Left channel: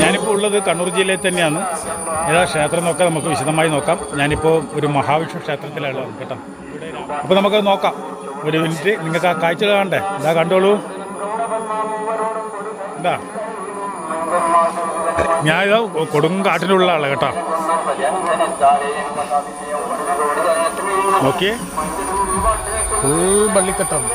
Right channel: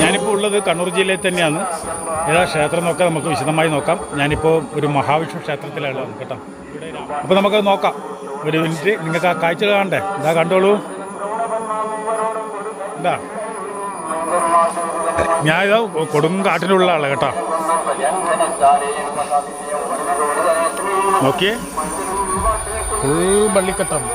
ഞാനിപ്പോൾ ഉള്ളത് കണ്ണൂർ ജില്ലയിൽ തന്നെയാണ്. ഏതാ ക്ഷേത്രം നോക്കാം, നമുക്ക് വിശദമായി നോക്കാം. ഞാനിപ്പോൾ ഒരു മഹാവിഷ്ണു ക്ഷേത്രത്തിലാണ് കേട്ടോ. അപ്പോൾ നമുക്ക് നോക്കാം. ഒരു മിനിറ്റ്, നിങ്ങൾക്ക് ആ കാഴ്ച കാണണ്ടേ? ഇതാ കണ്ടോളൂ. എന്താ, ഞാനിതാ കൊടുങ്കാട്ടിലുള്ള ആളാണ് കേട്ടോ. നോക്കിയേ, ഫുൾ പള്ളിക്കെട്ടാണ്.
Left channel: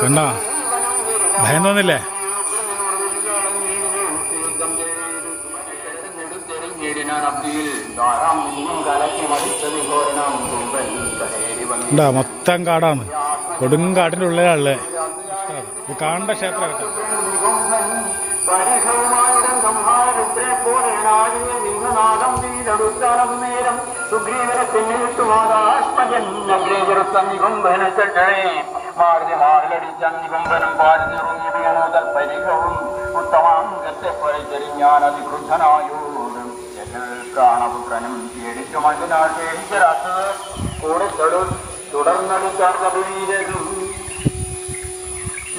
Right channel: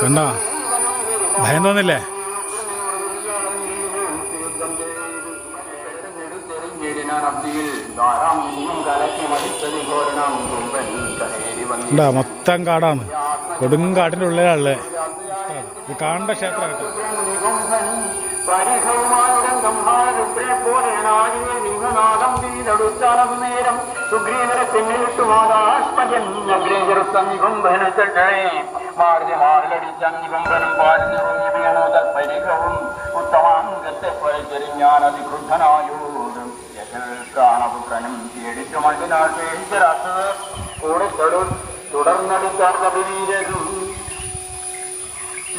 കണ്ടോ, ഭയം തോന്നില്ലേ? മൊത്തം കാടാണ്, കൊടുങ്കാട്ടിൻ്റെ ഉള്ളിലാണല്ലേ. ഇത് കാണേണ്ട ക്ഷേത്രം കേട്ടോ.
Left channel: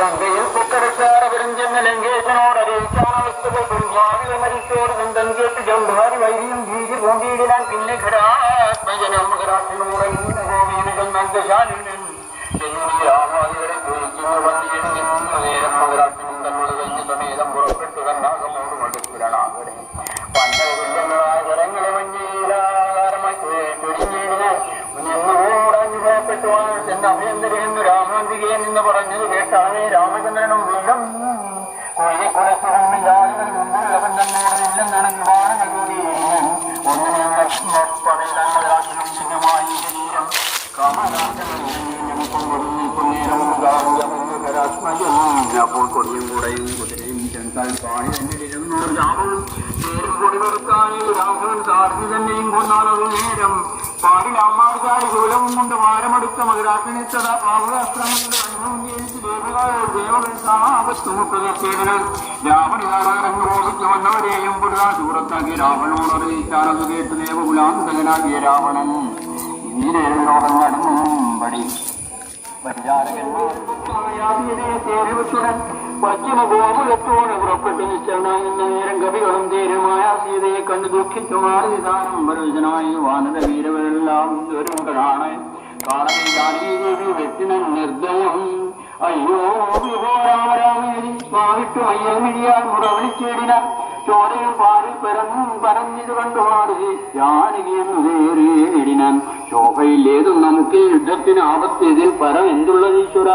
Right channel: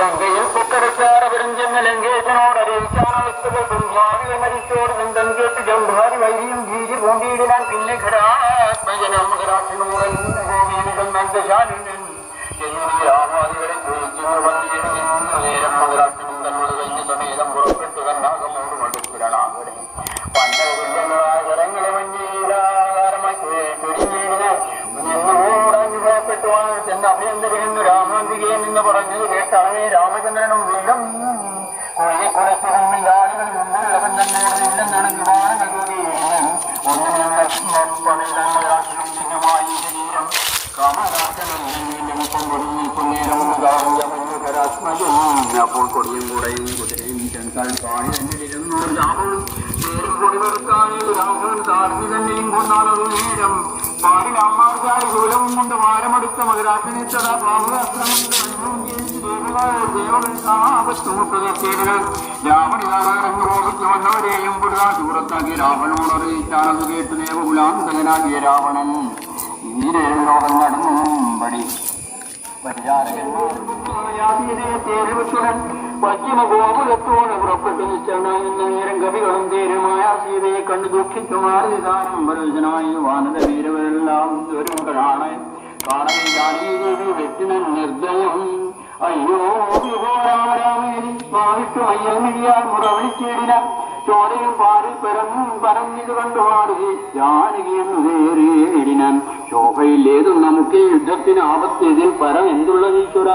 ലങ്കയിൽ പൊക്കരച്ചാറ വിരഞ്ചെന്ന ലങ്കേശനോട് അറിയിക്കാനവസ്ഥകൾ മരിച്ചോട് ബന്ധം കേട്ട് ജംഭാരി വൈരിയും ഭീതി കൊണ്ടിയിടാൻ പിന്നെ ഘരാത്മജനം ഘരാട്ടിനോടൻ നന്ദശാലിനൻ രാമാദികളെ കുറിച്ചു വന്നിരുന്നു നേരം മകരാട്ടിനും തന്നോട് കഴിഞ്ഞ സമേതം പുറപ്പെട്ടു കന്നാകമോട് മടുപ്പിടണാകടെ പണ്ടവില്ലെന്നതായ ജനങ്ങളെ മഞ്ഞിലാകാരമായി പിടിഞ്ഞിരുന്നു അനുഭവപ്പെട്ടുവാണ് ചെന്ന് അഭയന്തരെന്ന് രാമാന്തികയെ നിന്ന് പറഞ്ഞത് കേട്ടാണ് രാമചന്ദ്രനും വീണ്ടും കോഴിക്കുളത്തുമില്ലാളുകൾ മുമ്പുള്ളവൻ തന്നോട് ഇല്ലെന്നാണ് വിമാനങ്ങൾ കൂടിയിരുന്നു. ഒന്നിനും ചിഹ്നമായി ശരീരം അപ്പോൾ കൊടിയും കൂടെയും കുതിരയും ചെന്താൽ പാടി തന്നിരുന്നു. രാമനും നേരം കൊടി വെറുത്തായി രാഘവൻ താഴ്ന്നു തന്നെയും കൊണ്ടാലത് നേരം പാടിൽ അമ്മാർക്കാട് ശൂലവും കൊണ്ട് ഭാരമെടുത്ത മകരാക്കണിച്ചത ദേവപുലാപത്തുമുട്ടതേടുകൾ വന്നവരെയും പുരാ ദൂരത്താക്കി രാവണോട് അറിയിച്ചാണത് കേട്ട് ദേവകുലാന്തകനാകിയ രാവണൻ ഈരേഴോളം നടന്നുംപടി പശ്ചിമഗോപുരത്തോട് പുറപ്പെട്ടു നിശ്ചലനായ നേരം കവികളും ധീരമായ സീതയെ കണ്ടു ദുഃഖിച്ചു മാറി നിധാനം പരവശനായ വാനര വീരവരെല്ലാം ദുരങ്ങളാണ് കാണവില്ലാതെ വെട്ടിനൻ നിർദ്ദയം. അയ്യോ വിഭോരാമരാമേരി സ്വാമിട്ടു അയ്യമിഴിയാൽ മുറവിളിച്ചേടിന ചോരയും പാലിൽ പരഞ്ഞിത് കണ്ടുപാടി ജാനകിയെന്നു കയറിയേടിനാൻ. ശോഭയില്ലേതും നമുക്ക് യുദ്ധത്തിന് ആപത്തിതിൽ പരം എന്തുള്ളത് ഈശ്വര.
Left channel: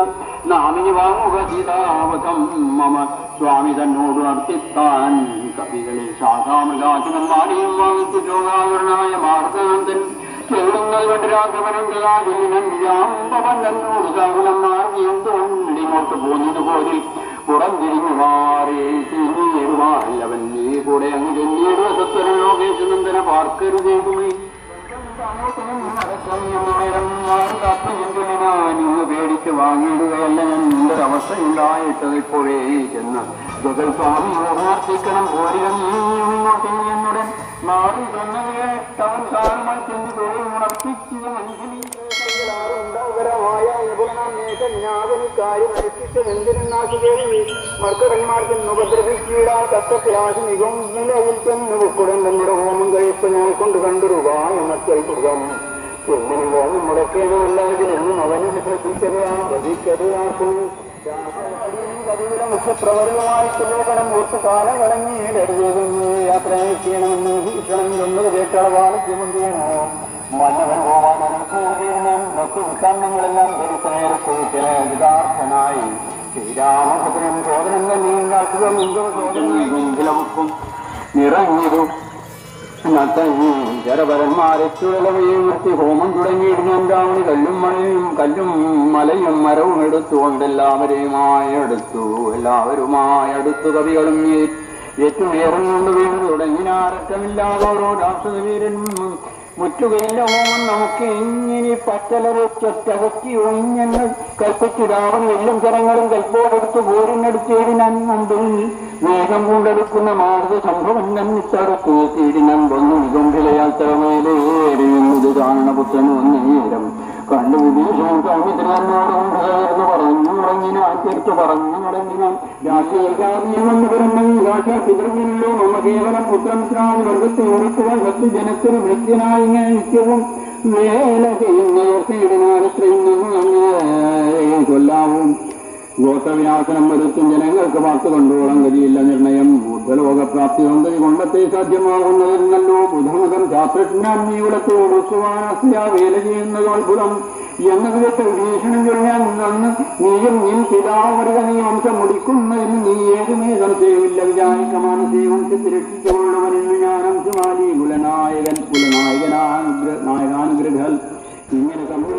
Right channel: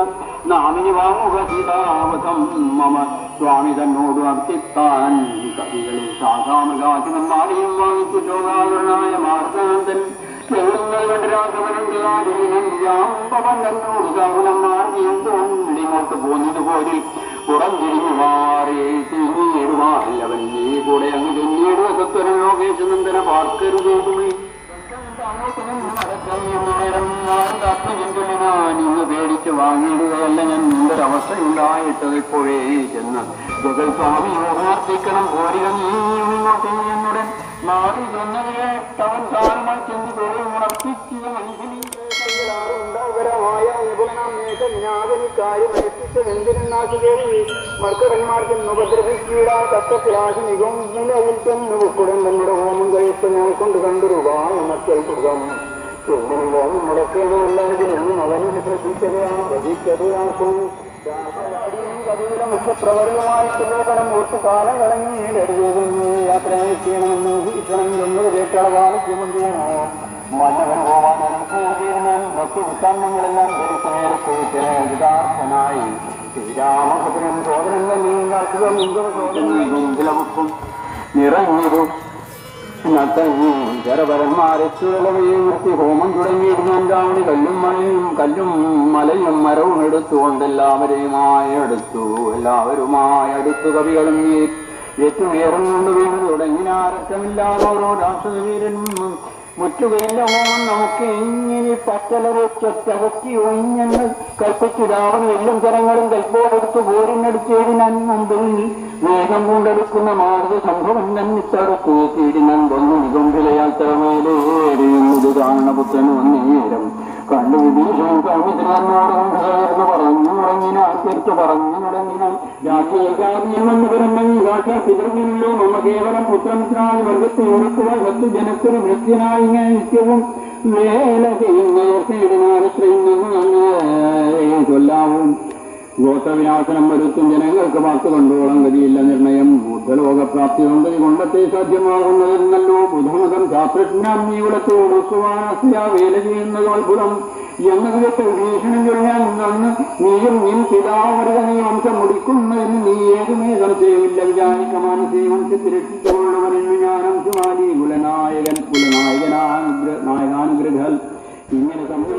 നാമിനി വാങ്ങുക സീതാവതം മമ സ്വാമി തന്നോട് അർത്ഥിത്താൻ. കവികളിൽ ശാഖാമൃഗാസനം മാറിയും വാങ്ങിച്ചു ശോകാകരനായ മാർത്തനന്ദൻ ചെല്ലുന്നത് കണ്ടുരാജനോട് പോന്നതുപോലെ പുറം തിരിഞ്ഞു മാറി തിരിഞ്ഞേറുമാറി അവൻ നീ കൂടെ അങ്ങ് ചെന്നീടുക സത്വരൻ ലോകേശനന്ദന പാർക്കരുതേതുമേ. നിങ്ങൾ പേടിച്ച് വാങ്ങിയിടുകയല്ല ഞാൻ നിന്റെ അവസ്ഥയില്ലായിട്ടതിപ്പോഴേ ചെന്ന് ജഗൽ സ്വാമി ഓർത്തിക്കണം കോരികൾ എന്നുടൻ മാറി തന്നവയെ താൻ താരമായി ചെന്ന് തൊഴിൽ ഉണർപ്പിച്ചു മർക്കടന്മാർക്കെന്ന് ഉപദ്രവിച്ചിടാൻ തക്കത്തിലാശ നിഗംലയിൽ ചെന്ന് ഉക്കുടൻ തങ്ങളുടെ ഹോമം കഴിച്ച് ഞാൻ കൊണ്ട് കണ്ടുരുക മക്കൾ സുഖം എന്തിനും ഹോമം മുടക്കേണ്ടതെല്ലാവരും അവനും പ്രതീക്ഷതയാക്കും. കവിയുടെ മുഖ്യപ്രവർത്തനമായിട്ട് ലോകനം ഒത്തു കാലം കളഞ്ഞ് യാത്ര ചെയ്യണമെന്ന് ഭീഷണം എന്നത് കേട്ടളവാണ് മുഖ്യമന്ത്രിയാണ്. മന്നവൻ പോവാൻ മറ്റു വിഷമങ്ങളെല്ലാം ധരിച്ച നേരത്തേനായി ശ്രീരാമഭദ്രൻ ചോദനങ്ങളും നിറഞ്ഞത് ജരപരന്മാരെ ചുഴലവയെ ഹോമം തുടങ്ങിയിരുന്നുണ്ടാവണി കല്ലും മലയും മരവും എടുത്തുകൊണ്ടെല്ലാവരെയുമായി അടുത്തു കവികളും ഏറ്റുവേറുകൊണ്ട് വീണ് തുടങ്ങിനാരക്കമില്ലാതോരോ ദാസവീരനും മുറ്റുകയില്ല ഓണം നമുക്ക് ഇങ്ങനെ പത്തലൊറ്റകത്തി ഒഴിഞ്ഞെന്ന് കൽപ്പിച്ചു രാവണ എല്ലാം കരങ്ങളും കൽപ്പോടെടുത്ത് പോരിനെടുത്തേടിനന്തും വേഗം കൊണ്ടെടുക്കുന്ന മാർഗ സംഭവം തന്നിത്തടുത്തു തീടിനന്തൊന്നു നിഗന്ധിലയാത്രമേലേറിയും ഇത് കാണപുത്രനും നേരം കണ്ടുപിടിച്ചും കവിതയോടും പറഞ്ഞു തുടങ്ങിന ആൾക്കാർക്ക് പറഞ്ഞു തുടങ്ങിനാൽ രാഷ്ട്രീയക്കാരിയെന്ന് പറഞ്ഞെങ്കിൽ രാഷ്ട്രീയ പിതൃവിനല്ലോ മമ കേവലം പുത്രമിത്രായി വർഗത്തെ ഉണക്കുവാൻ വസ്തു ജനത്തിന് വൃത്യനായി ഇങ്ങനെ നിത്യവും വേല ചെയ്യുന്ന കൊല്ലാവും ഗോത്രവിനാശനം വരുത്തും ജനങ്ങൾക്ക് വാക്ക് കണ്ടോളം ഗതിയില്ല നിർണയം ബുദ്ധലോകപ്രാപ്തി കൊണ്ട് കൊണ്ടത്തെ സാധ്യമാകുന്നതെന്നല്ലോ ബുധമുഖം ശാസ്ത്രജ്ഞാൻ നീ കുലത്തെ ഒടുക്കുവാനാ വേല ചെയ്യുന്നത് അത്ഭുതം എന്നതിലത്തെ ഭീഷണം ചൊല്ലാൻ നന്ന് നീയും നിൻ പിതാവരുക നീ വംശം മുടിക്കുന്നതിന് നീ ഏതുമേ സംശയമില്ല വിചാരിക്ക മാനസേ വംശത്തിൽ രക്ഷിച്ചുകൊള്ളുവനെന്നു ഞാനം ചുമാലി നായകാനുഗ്രഹൽ ഇങ്ങനെ കണ്ടു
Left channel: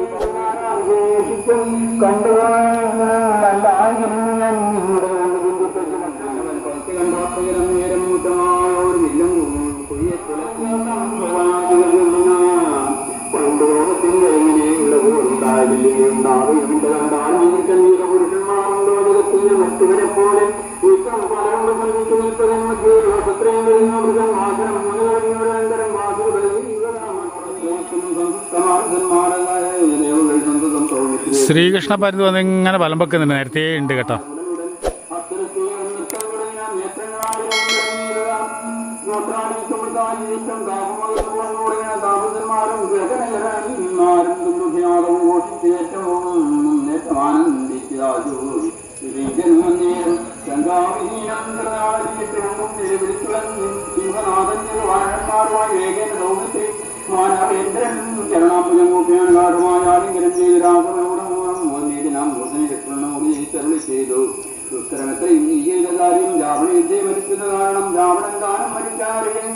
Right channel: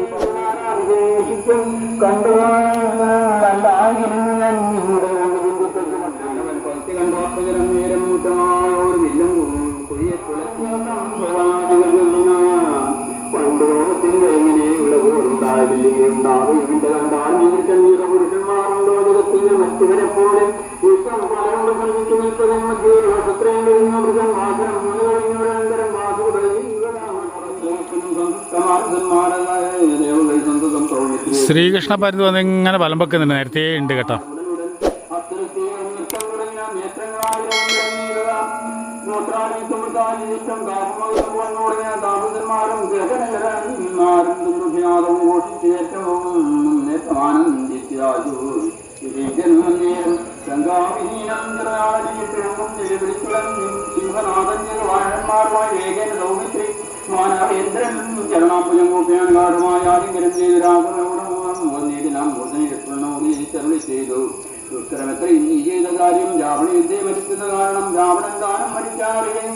പുരുഷന്മാരുണ്ടോ ജഗത്തിന്റെ മറ്റുവരെ പോലെ ഇഷ്ടം പലരും ശ്രീകൃഷ്ണ പരുന്ത് വന്ന് ഇങ്ങനെ വലം വെക്കുന്നുണ്ട്, നേരത്തെ ഉണ്ട് കേട്ടോ. ചരണാപുജം കൂട്ടിയാൻ ഗാഠമായ ആലിംഗനം ചെയ്ത് ചെയ്തു ദുഷ്കരമെത്രയും നീ ചെയ്ത കാര്യം രാവണ യുദ്ധയെ മരിക്കുന്ന കാരണം രാവണൻ ദാനം മരിച്ചാരെയും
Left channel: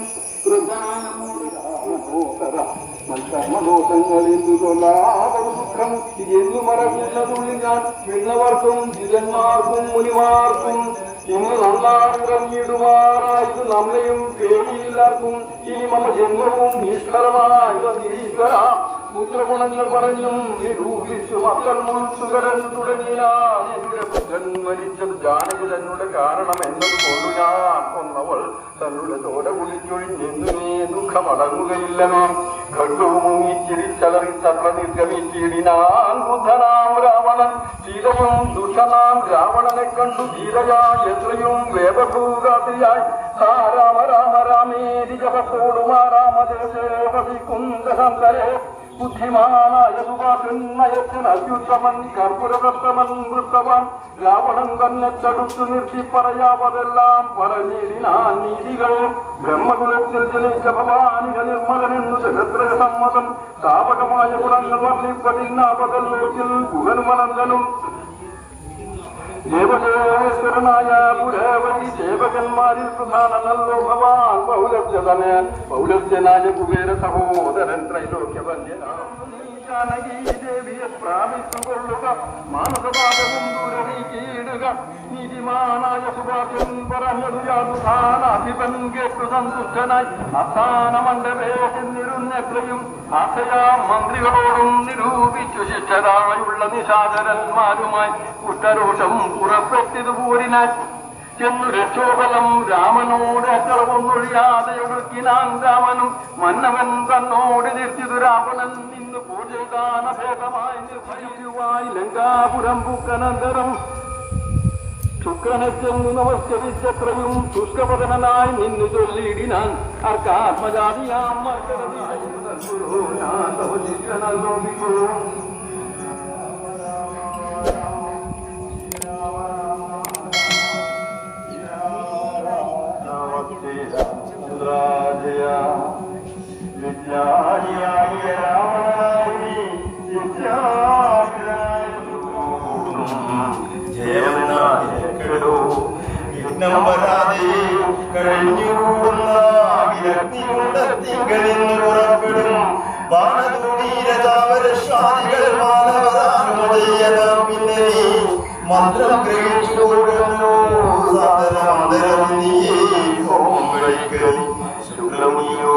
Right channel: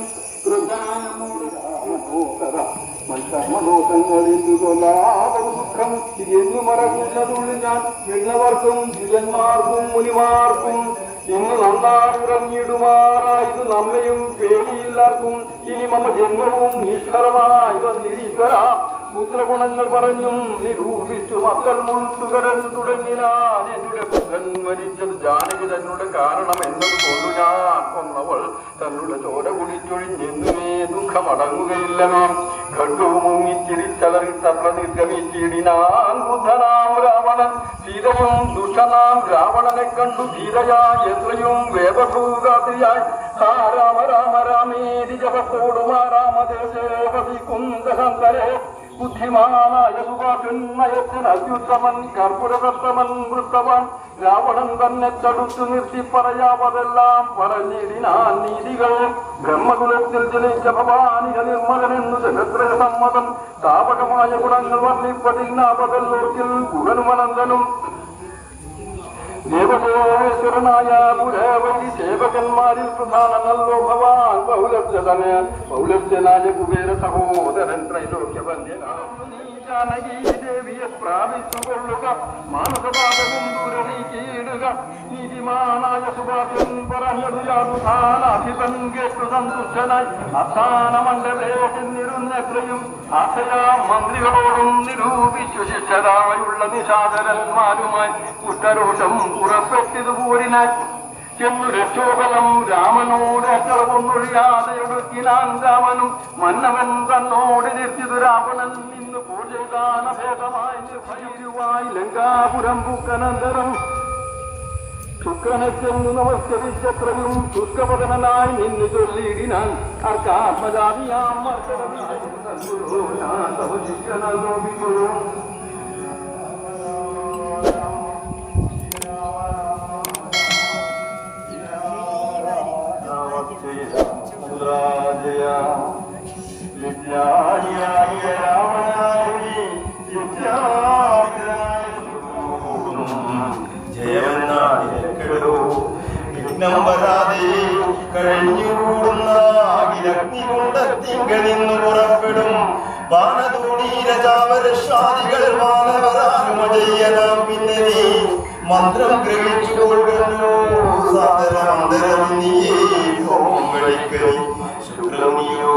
ഇതെന്നു മറക്കുന്നതുള്ളി ഞാൻ വിണ്ണവർക്കും ജിതന്മാർക്കും മുനിമാർക്കും ഇന്ന് നന്നായിറങ്ങിയിടുമാറായത് നമ്മയും പേടിയില്ലാർക്കും ഇനി മമ ജന്മവും ഈശ്വരമായ പുത്രഗുണങ്ങൾ പറഞ്ഞും നിരൂപിച്ചു മക്കൾ മുൻസുകരൻ തുടങ്ങിയാൽ എന്റെ പുത്രൻ മരിച്ചത് ജാനകി തന്നുടെ കാരണം എന്നത് കൊണ്ടു ഞാൻ കൊന്നവൾ തന്നുടെ ചോര കുളിച്ചൊഴിഞ്ഞെന്നുമേ ദുഃഖമടങ്ങുകയില്ലമേ ഖണ്ഡവും മുങ്ങിച്ചിരിച്ചലറി തത്ര നിർഗമിച്ചിടിനാൻ ബുദ്ധനാം രാവണൻ സീതയും ദുഷ്ടനാം രാവണനെ കണ്ടു ധീരയാ എത്രയും വേദഭൂകാതിയായി ആ രാമ രാമ രാമേരി ജപത്തോടുമാ രാമദേശേ വസിക്കുന്തരേ ബുദ്ധിമാനായ സുഖാനയത്തിന് അത്യുത്തമൻ കർപ്പുരകർത്തമൻ വൃത്തവൻ രാവണൻ തന്നെ തടുത്തു നിർത്തി പറയാവതെല്ലാം പറഞ്ഞിരിനാൻ നീതികൾ ബ്രഹ്മകുലത്തിൽ ജനിച്ച ഭവാനിക നിർമ്മലനെന്നു ജനത്ര സമ്മതം താപകമായ ഗുണങ്ങൾ വർണ്ണിപ്പതിന്നാപതല്ലോക്കിൽ ഗുണനുമനന്തനും ദേവദേവേശ്വരനായ പുരവരി സേവകന്മാരിൽ പ്രധാനമല്ലോ ഭവാൻ പൗലഭ്യതന് പൗലഭ്യനായ കുബേര സഹോദരൻ ത്രൈലോക്യവന്യനാദേവിയെ പ്രാപിച്ചുകൊള്ളുക മാനസപാപവും ദൂരനീക്കിയിടുക നീതിമാനായ സുഭാഷൻ പറഞ്ഞതു യാതുധാനാധിപൻ കേട്ടു സന്തുഷ്ടനായി അസ്ഥാന മണ്ഡപേ ചെന്നിരുന്നെത്രയും ആശയാ മന്ത്രികളോടും നിരൂപിച്ചു ശിഷ്യരായുള്ള നിശാചരന്മാരുമായി കുഷ്ഠരോഷം പുറപ്പെട്ടതു പോരിനായി ചെന്നു രക്ഷോബലം രാമനോട് അക്കളവൊന്നൊഴിയാതെ ഒടുക്കിനാൻ രാമനും മന്നവൻ തന്നോട് നിർത്തിതു രാവണൻ ഇന്ന് പൂജകാനഭേദമായി നിർഭയരുവായി ലങ്കാപുരം പൂക്കനന്തരം ശുക്രനെ ചെന്നു നമസ്കരിച്ചത്രയും ശുഷ്കപതനായി നിന്നു ചൊല്ലിയിടിനാൻ അർക്കാത്മജാതിയാം വിജ്ഞാനിയായ സ്വപ്നം വരാതെ കഴിഞ്ഞുകൂടുന്ന അഗ്നികുണ്ടത്തിങ്കളിന്ന് പുറപ്പെടും ബാണതൂണീരജാവരശ്വാദികൾ മാനവരാനുമ ചെയ്യണം. പിന്നെ നീ മന്ത്രം ഗ്രഹിച്ചു കൊടുക്കുന്നു സാധനമന്തരം നീയേ ഹോമം കഴിക്കരി ശുക്ലനിയോ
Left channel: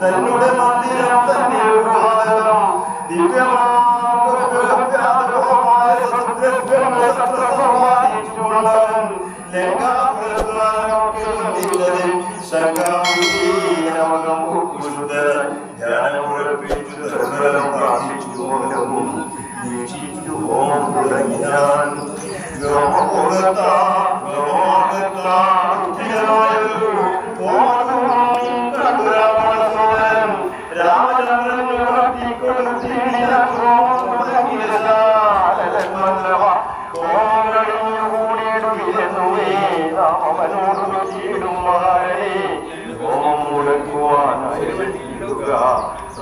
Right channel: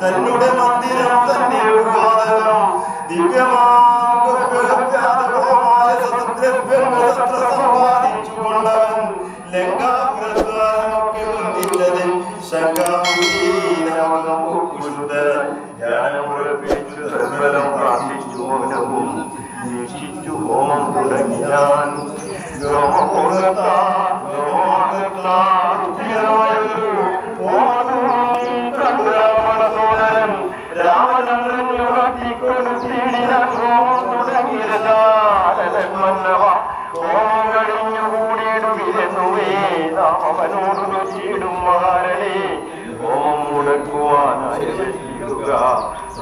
തന്നുടെ മന്ദിരം തന്നെ സമ്പാദിച്ചുകൊണ്ടവൻ ലങ്കാപ്രധാനമൊക്കെ വന്നില്ലതിൽ ഹോമം തുടങ്ങിയാൻ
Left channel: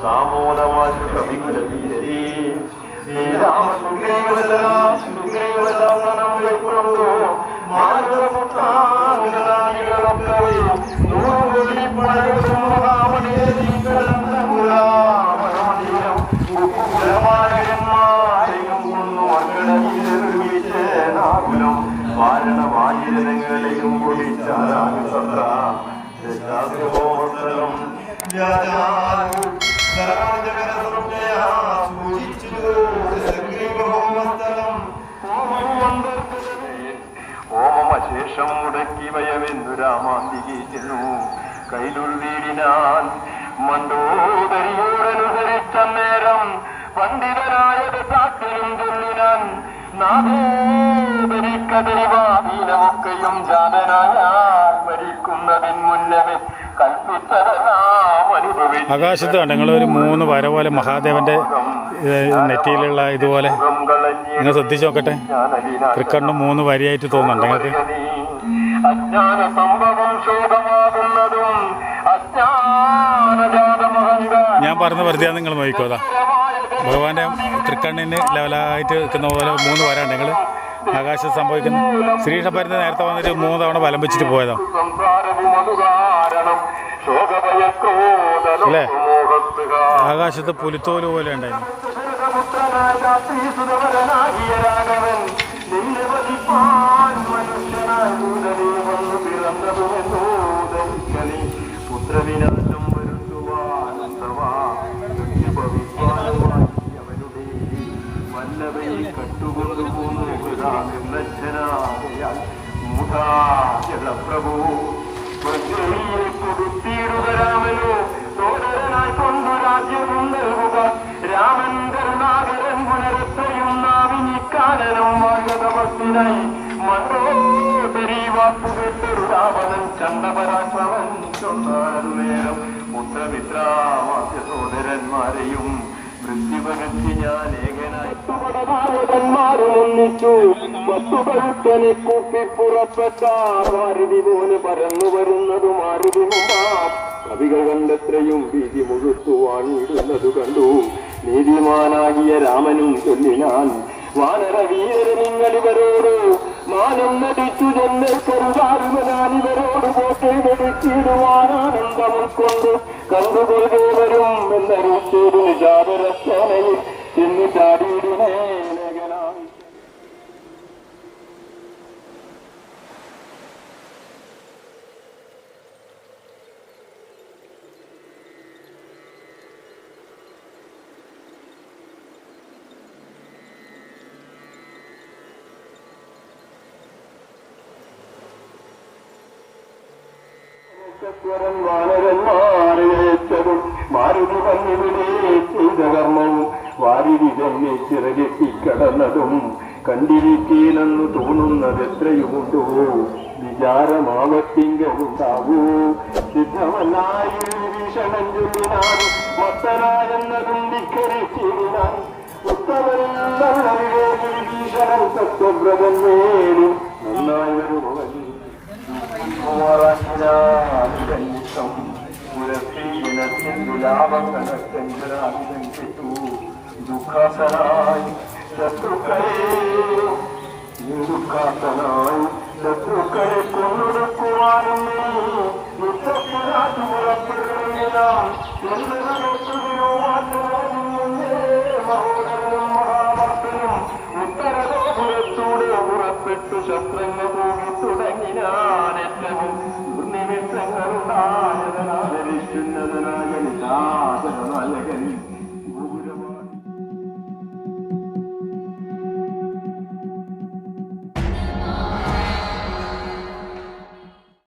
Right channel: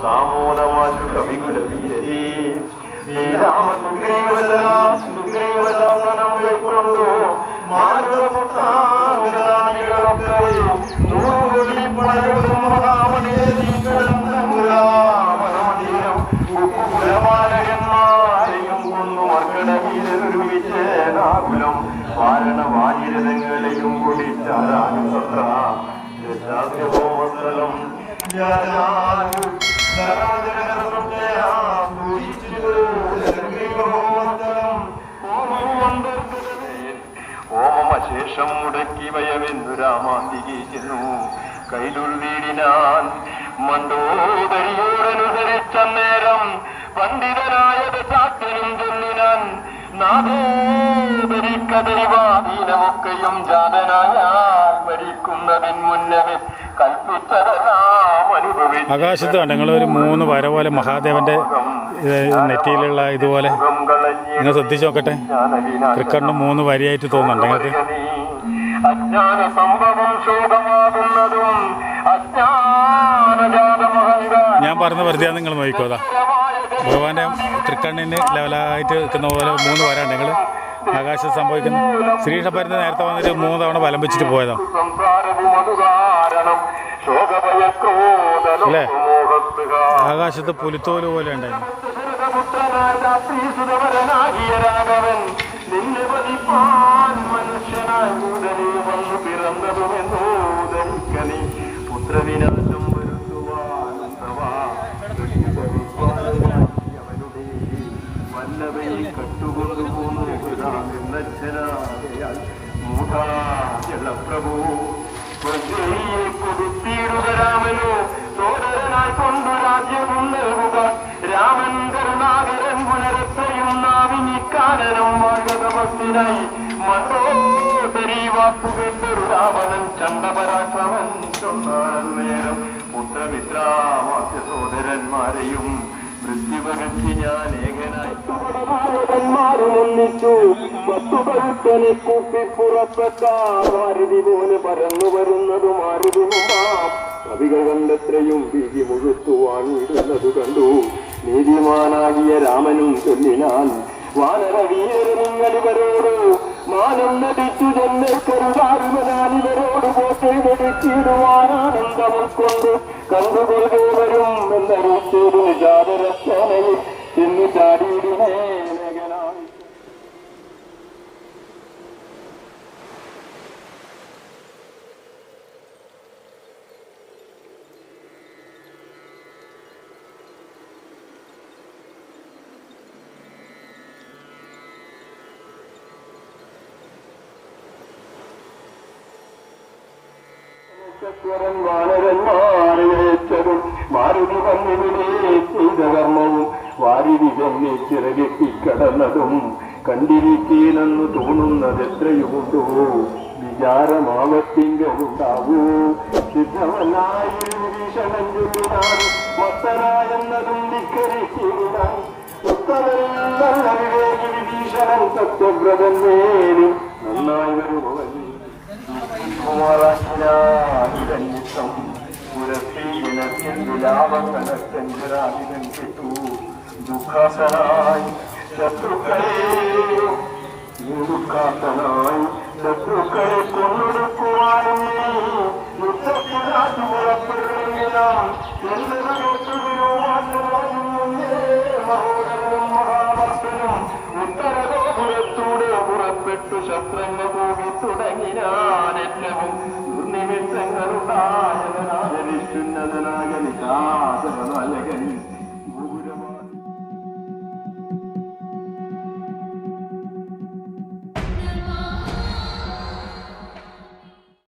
സാമോദമാശു കവികുല വീരേ ഹോമശേഷം മുടക്കി വയമെന്നു രാമാന്തികീക്കുന്നു കൈലുൾ വീടിനാൻ മണ്ടോദരിയോടനുസരിച്ച നേരം പണ്ഡിതനായത് സാക്ഷ്യനും ചൊല്ലിനാൻ നാദോദരിക്കദൈവാധീനമൊക്കെയും ജാതനായാൽ മരിക്കുന്നതിന് മുന്നമേ കൽപ്പിച്ചതെല്ലാം അനുഭവിച്ചു. ആകാശത്ത് കണ്ടങ്ങളൊരു 3 വര പോലെ മഹാദേവന്റെ നെറ്റിയിലുള്ള ഇതുപോലെ നിങ്ങൾ ശ്രദ്ധിച്ചു നോക്കട്ടെ. തൃക്കണ്ണും 3 വരിയായിട്ട് തോന്നുന്നുണ്ട് നിങ്ങൾക്ക്. അജ്ഞാന സംഭവം ശോകമാകുന്നതും ഞാൻ പറഞ്ഞ വെറുതെ നിങ്ങൾ നോക്കിക്കോതാ. ഭഗവാന്റെ തൃക്കണ്ണിന് ലെവലായിട്ട് നിൽക്കുന്ന പോലെ 3 വര ഉണ്ട്. നിങ്ങൾ ആകാശത്ത് സംഭവിക്കുന്നു. ശ്രീകൃഷ്ണപരന് നേരത്തെ വന്നിട്ട് 3 തവണ വലം വെച്ചിട്ട് പോയതാണ് അല്ലേ? ആകാശത്ത് പുലിത്തോല് പോലെ ഉണ്ടായിരുന്നു. പുത്രവിനാശം വരുത്തുവാൻ വല്ലവയിൽ കട്ടുകൊണ്ടുപോന്നു നിർലജ്ജനാകയാൽ മൂഢാജലപ്രഭു കൊടുത്തിടുക രാമന് സോദരനായി കൊണ്ടു രാജ്യവും നൽകുക. രാമൻ കരുണാകരൻ പുനരത്തെയും നാവിനിക്കാരനും വാഴതമത്തിനായി മണ്ടോദരി വാക്കുകെട്ടൊരു രാവണൻ ചണ്ടപരാക്രമൻ ചൊന്നാൻ നേരം പുത്രമിത്രാമാസ്യ സോദരന്മാരെയും മൃത്യുപകർത്തി ഞാൻ ഏകനായി പരന്നു വരുന്നതും കവികൾ കണ്ടെത്രയും ഭീതി മുഴുത്തുവാൻ കണ്ടു. നീതിമാനാകിയ രാമനും കൊല്ലിനാൻ വാനര വീരനിങ്ങളിവരോട് മാനം നടിച്ചു ജന്മക്കരുതാരുമനാനിവരോട് പോറ്റെടുത്തിടുവാനാനന്ദം ഉൾക്കൊണ്ട് കണ്ടുകൊള്ളുവരും എന്നറിയിച്ചൊരു ജാതരസേനയിൽ ചെന്നു ചാടിയിടിനേ മേഘനായി. വാനരന്മാരേച്ചതും മാരുതി വന്നിവിടെ ചെയ്ത കർമ്മവും വാരിതി തന്നെ ചിറകെത്തിക്കടന്നതും കണ്ടിരിക്കേനെന്ന് തോന്നുന്നതെത്രയുമുണ്ടോ വിചാരമാവത്തിങ്കലുണ്ടാകൂ. സിദ്ധമല്ലായി ഭീഷണം ചൊല്ലിനാൻ മത്തനായെന്നതും ധിക്കരിച്ചിരുന്നാൻ ഉത്തമനല്ലവിവേകി വിഭീഷണൻ സത്യവ്രതൻ നേരും നന്നായി വരുന്നു. പുരസ്ത്രീ ശത്രുക്കളെ നിരുക്കാത്തനായി ശത്രുക്കളെ കൊന്നൊടുക്കുവാനും ഉത്തരപുരത്തൂടെ പുറപ്പെട്ടു ശസ്ത്രങ്ങൾ പോകി തുടങ്ങിനാനേറ്റവും ദുർനിമിത്തങ്ങളുണ്ടായ